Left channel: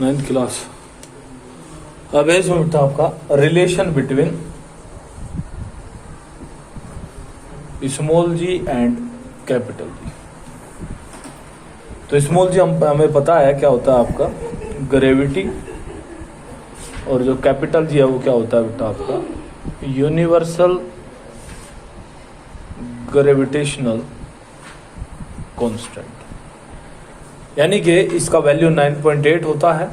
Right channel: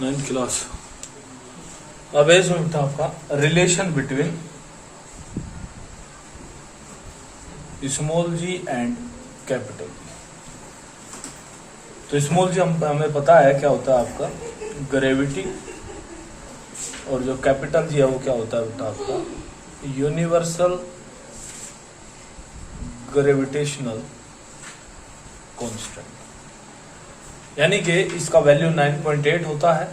9th class. अब इसमें बेटा आपका relation between small G and capital G. तो स्मॉल जी हमें पता है क्या होता है आपका ग्रेविटी, और जो कैपिटल जी है वो क्या होता है बेटा आपका यूनिवर्सल ग्रेविटेशनल कांस्टेंट। यानी कि इसका वैल्यू 9.8 होता है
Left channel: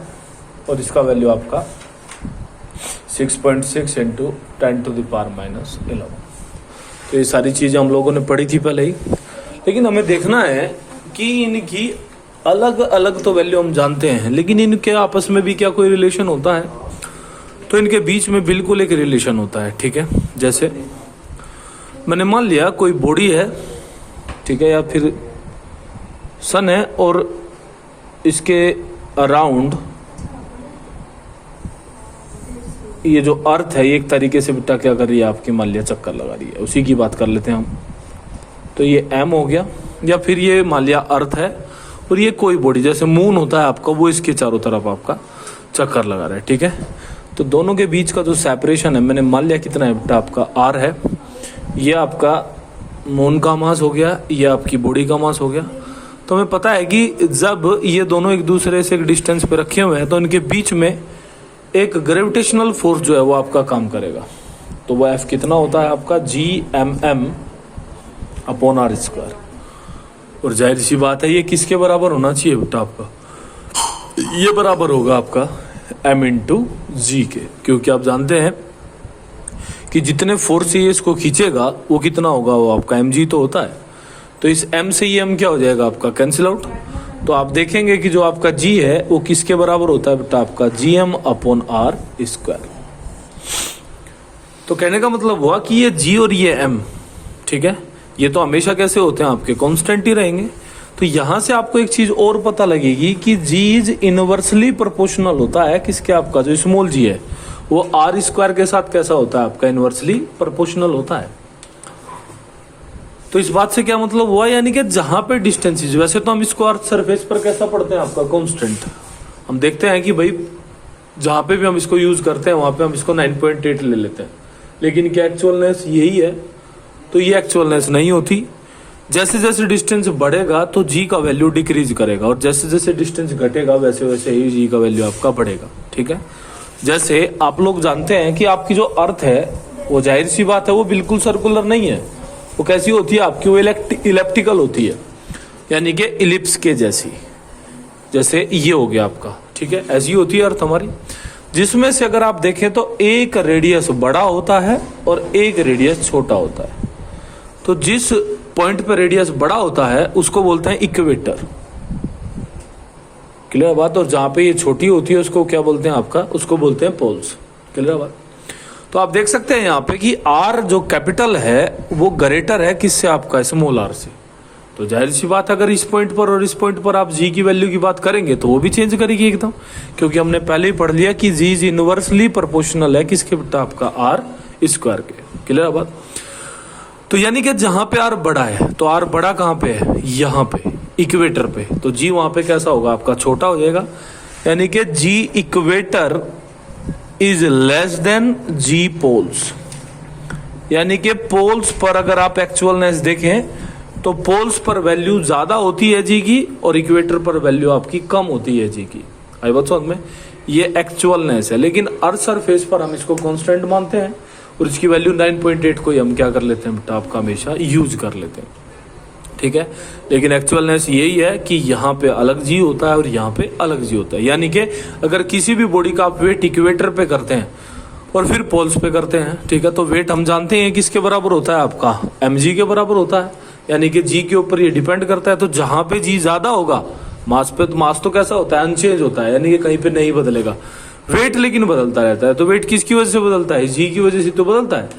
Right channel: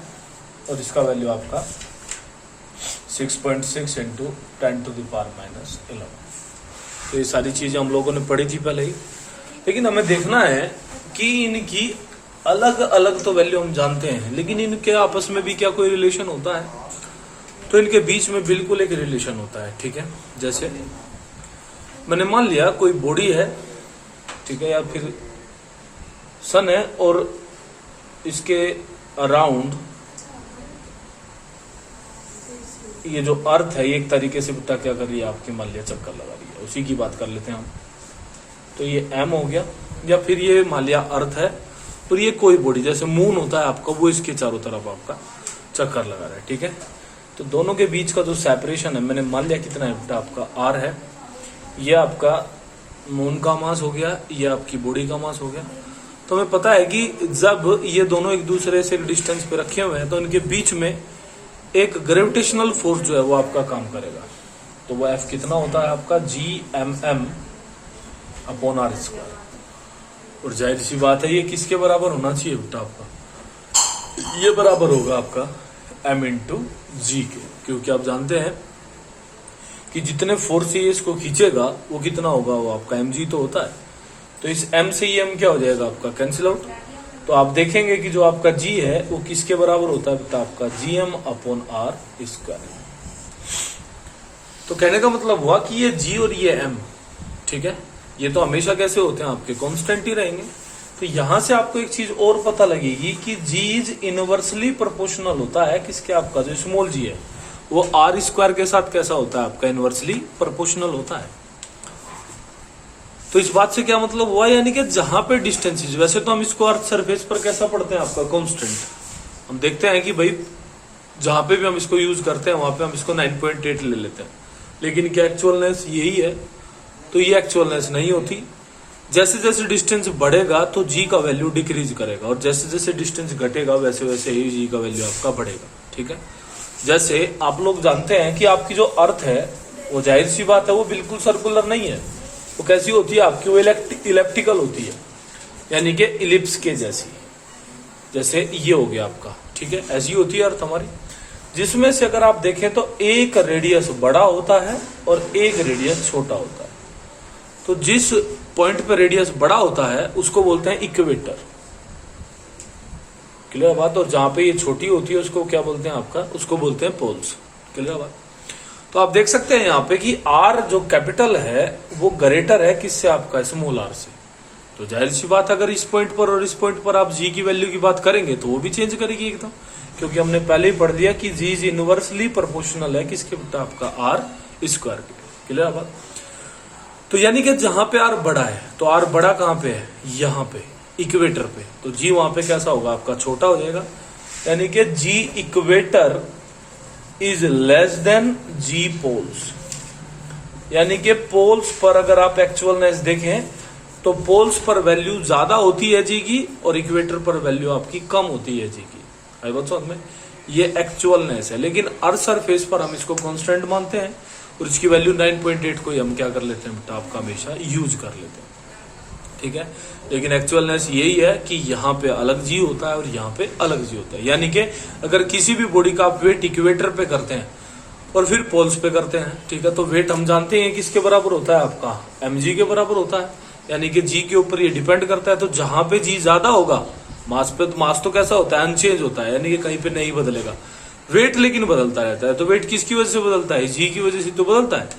और इसका वैल्यू आपका 6.6 इंटू 10⁻⁻11। तो ये सारी चीजें हम लोगों ने पढ़ी थी पहले ही, लेकिन हमें देखना है कि इनकी अलग अलग तो वैल्यू हम जानते हैं, लेकिन इनके आपस में भी क्या कोई रिलेशन होता है। तो इनके बीच में बिल्कुल एक रिलेशन होता है, ठीक है। जैसे मैंने मान लिया कोई बॉडी है, ठीक है, या फिर सन है और इसके अराउंड ये जो अर्थ है ये एक तरीके से बेटा क्या कर रही है आपकी, मान लिया चक्कर लगा रही है। उसी की बात कर लेते हैं हम। तो ये एम हो गया, या फिर ये मान लिया अर्थ है और ये कोई बॉडी जैसे मून होता है आपका, वो इसके चारों तरफ आपका चक्कर लगा रहा है, ठीक है। तो दोनों के बीच का जो सेपरेशन है मैंने मान लिया कितना है बेटा आपका आर है। ये आपका मून का मास हो गया, ये आपकी बॉडी का मास हो गया। तो हमें पता है कि जब ये दोनों एक दूसरे से एक डिस्टेंस पे रखे हुए हैं तो इनके बीच में एक ग्रेविटेशनल फोर्स जो है वो आपका काम करेगा। तो वो एफ कितना होता है आपका Gmm/r²। और जाहिर सी बात है ये किसके बराबर होना चाहिए बेटा आपका, ये बराबर होगा आपका m/g के, क्योंकि आप जानते हैं कि जितने फोर्स से ये इसको खींचेगा वो कितना होगा, वो आपका mg तो होता है। तो इस m से ये m क्या हो जाएगा आपका कैंसिल आउट। तो आप देखेंगे कि जो आपका g है वो किसके बराबर होता है बेटा आपका Gm/r²। तो कहने का मतलब हुआ कि ये g और ये m, ठीक है, ये तो हमेशा कैसे होते हैं आपके कांस्टेंट ही रहेंगे। तो यहां से आपको एक चीज और पता लगेगी कि g इज इनवर्सली प्रोपोर्शनल होता है किसके, आपका जो स्मॉल g है वो r² के साथ कैसा होता है आपका इनवर्सली प्रोपोर्शनल होता है। तो इस बात से क्या मतलब हुआ, यानी कि जहां पे डिस्टेंसेज, वैसे तो हम इसको अर्थ सरफेस पर कैसा पढ़ते हैं आपका कांस्टेंट, हम देखते हैं कि भाई जहां पे भी हम इसको यूज करते हैं वहां पे हम इसको 9.8 ले लेते हैं, लेकिन क्या एक्चुअलनेस यही है? तो ये एक्चुअलनेस नहीं होती। जैसे जैसे डिस्टेंस बढ़ेगा तो जी का वैल्यू डिक्रीज करेगा, और जैसे जैसे डिस्टेंस घटेगा वैसे वैसे ही जी का वैल्यू आपका बढ़ेगा, ठीक है। जैसे आप लोग जानते हैं कि आपकी जो अर्थ है वो जाहिर सी बात है वो बिल्कुल सर्कुलर नहीं है, वो कैसी होती है आपकी, वो इलेप्टिकल होती है, यानी कि इलिप्स के जैसी। जैसे ये हो गया आपका, ठीक है, ऐसी होती है अर्थ हमारी, जिसमें से अगर आप देखें तो एक रेडियस बड़ा होता है और एक रेडियस छोटा होता है। तो जिस पॉइंट पे रेडियस बड़ा होता है उसको बोलते हैं इक्वेटर, क्लियर बात। और जहां पे ये छोटी होती है उसको क्या बोलते हैं आपका, उसको बोलते हैं पोल्स, क्लियर बात। तो आप देख सकते हैं यहाँ पे कि आर जो कैपिटल है वो ग्रेटर है किससे, आपका स्मॉल आर से। तो जाहिर सी बात अगर इस पॉइंट पर और इस पॉइंट पर आप जी की वैल्यू की बात करेंगे तो वो भी चेंज करेगी एकदम, क्योंकि हमने पहले ही पढ़ लिया कि जी इज इनवर्सली प्रोपोर्शनल है किसके बेटा आपका r² के, क्लियर बात। तो यानी कि जहां पे आर बड़ा है, तो आर बड़ा कहां पे है, यहां पे इक्वेटर पे, तो जी वहां पे कैसा होगा आपका छोटा हो जाएगा, यानी कि G equator is less than G poles. यानी कि पोल्स पर अगर आप एक्चुअलनेस देखें तो पोल्स पर वैल्यू ज्यादा होती है जी की और इक्वेटर पर वैल्यू आपकी कम होती है जी की। आई बात समझ में, ये एक्चुअलनेस है, लेकिन अर्थ सरफेस पर हम इसको कांस्टेंट मानते हैं और इसकी वैल्यू 9.8 को हम क्या कर लेते हैं बेटा आपका हमेशा यूज कर लेते हैं, ठीक है। लेकिन एक्चुअलनेस यही है कि यहाँ पे अलग जी होता है और यहाँ पे अलग जी होता है। यानी कि अगर किसी भी बॉडी का आप वेट इक्वेटर पे करते हैं और फिर पोल्स पे करते हैं, ठीक है, तो वेट हम जानते हैं किसके बराबर होता है आपका mg के बराबर होता है। यानी कि जी के ऊपर ये डिपेंड करता है। तो जहां पे जी ज्यादा होगा मास पे, तो मास तो कैसा होता है अनचेंज होता है, यानी कि कहीं पे नहीं बदलेगा। वेट लेकिन बदलता रहता है। तो वेट किसकी वजह से बदलता है, जी की वजह से तो बदलता है।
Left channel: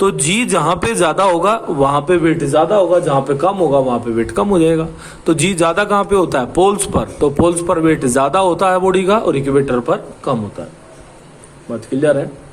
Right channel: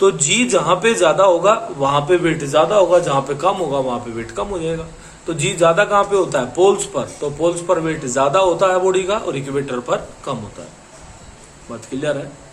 तो जी जहां पे ज्यादा होगा वहां पे वेट ज्यादा होगा, जहां पे कम होगा वहां पे वेट कम हो जाएगा। तो जी ज्यादा कहां पे होता है, पोल्स पर, तो पोल्स पर वेट ज्यादा होता है बॉडी का और इक्वेटर पर कम होता है। बात क्लियर है।